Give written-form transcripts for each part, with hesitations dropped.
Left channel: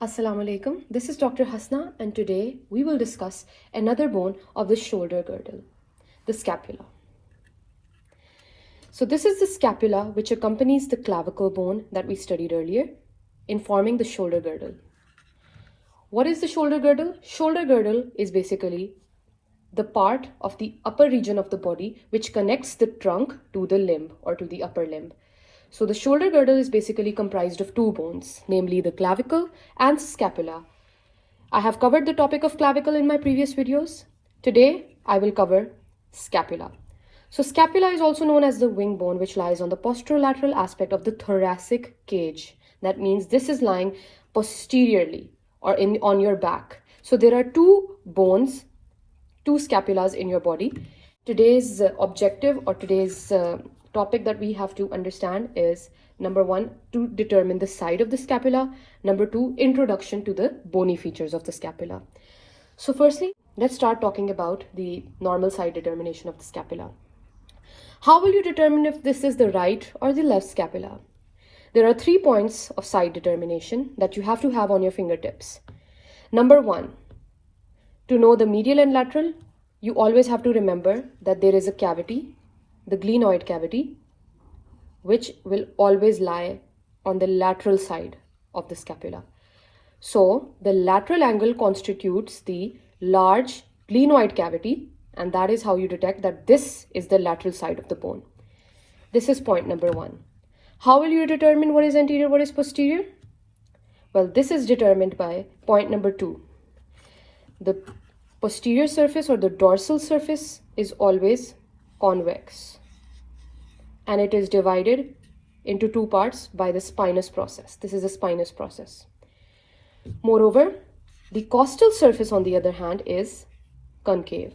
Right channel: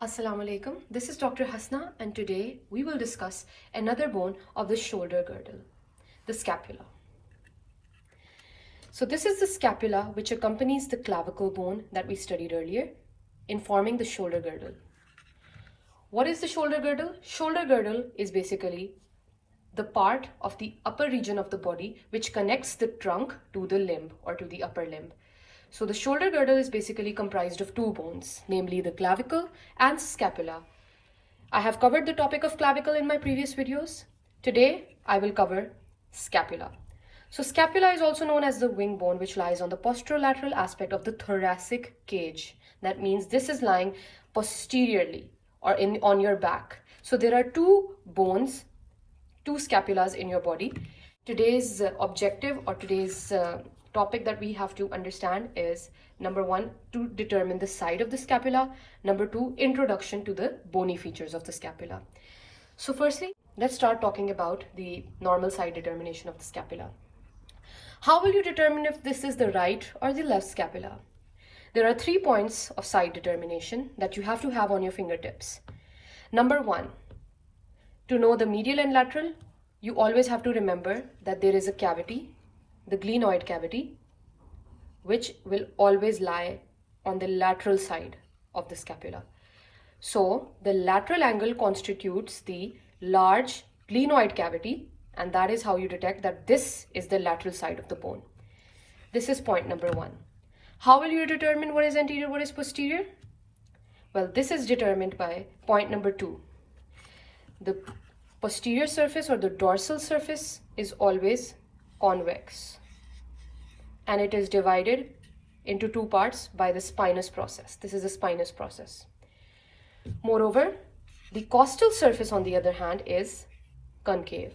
Assalamu alaikum. This is Dr. Hasna, and today we will discuss another bone of the shoulder girdle, the scapula. So this is the scapula which accompanies the clavicle bone that we studied earlier in forming the shoulder girdle. What is the shoulder girdle? Shoulder girdle is basically the part of the upper region of the body which connects the trunk to the limb or to the upper limb. So the shoulder girdle is basically comprised of two bones, namely the clavicle and scapula. I have covered the topic of clavicle in my previous videos. Today, I will cover scapula. So scapula is also known as the wing bone, which lies on the posterolateral aspect of the thoracic cage. That means this is lying posteriorly or on your back. So there are two bones, two scapulas in your body. Today's objective or today's topic that we have to understand is number one, to determine the side of the scapula. Number two, introduction to the bony features of the scapula. So firstly, let's start talking about the normal side determination of the scapula. How will you determine if this is the right or the left scapula? There are 3 points of side determination that you have to have on your fingertips. Number one, to know the medial and lateral, you always have to remember that there is a cavity, the glenoid cavity, which will always lie on the lateral side of the scapula. So the lateral angle constitutes the large glenoid cavity, and that is how you detect that this is the lateral side of the bone. This is point number one. How will you determine what is anterior, what is posterior? Well, this is determined by point number two. The posterior surface or the dorsal surface is always convex, and it is divided into two parts by the spinous process. This is the spinous process. Moreover, the costal surface, on the other hand, is concave.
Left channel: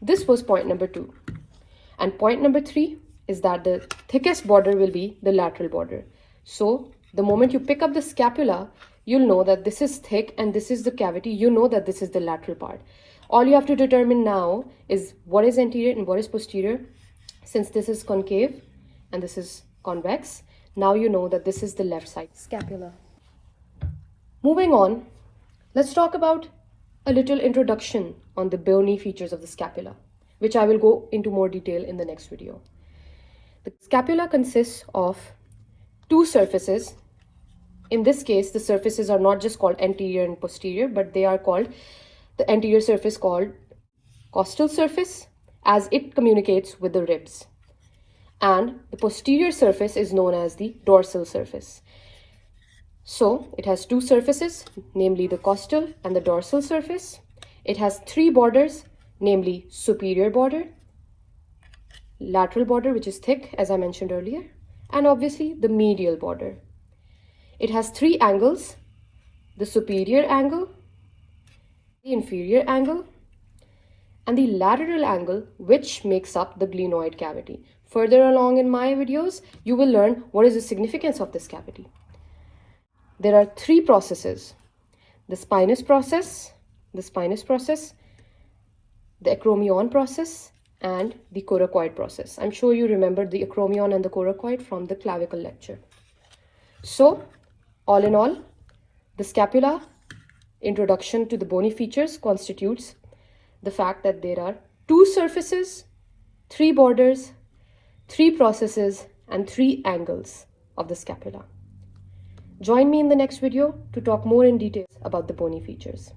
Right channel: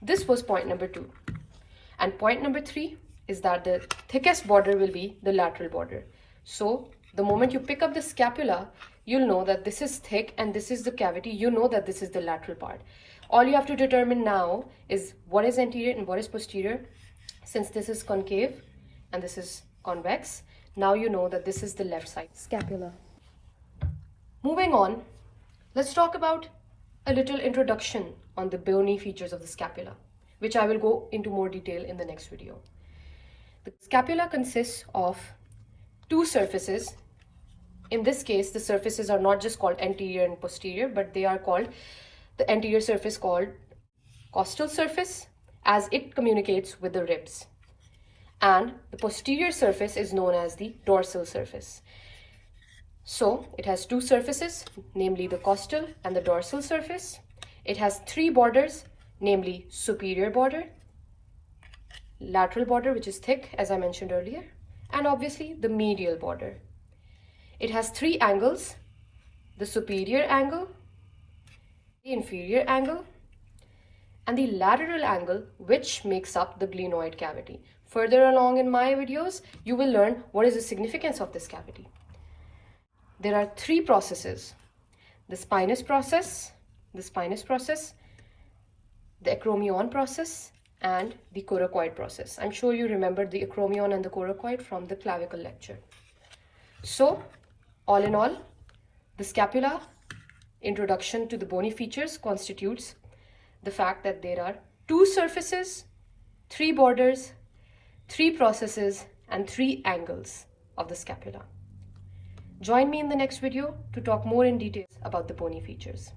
This was point number two. And point number three is that the thickest border will be the lateral border. So the moment you pick up the scapula, you'll know that this is thick and this is the cavity. You know that this is the lateral part. All you have to determine now is what is anterior and what is posterior. Since this is concave and this is convex, now you know that this is the left side scapula. Moving on, let's talk about a little introduction on the bony features of the scapula, which I will go into more detail in the next video. The scapula consists of two surfaces. In this case, the surfaces are not just called anterior and posterior, but they are called the anterior surface called costal surface, as it communicates with the ribs. And the posterior surface is known as the dorsal surface. So it has two surfaces, namely the costal and the dorsal surface. It has three borders, namely superior border, lateral border, which is thick, as I mentioned earlier, and obviously the medial border. It has three angles: the superior angle, the inferior angle, and the lateral angle, which makes up the glenoid cavity. Further along in my videos, you will learn what is the significance of this cavity. There are three processes: the spinous process, the acromion process, and the coracoid process. I'm sure you remember the acromion and the coracoid from the clavicle lecture. So, all in all, the scapula, introduction to the bony features, constitutes the fact that there are two surfaces, three borders, three processes, and three angles of the scapula. Join me in the next video to talk more in detail about the bony features.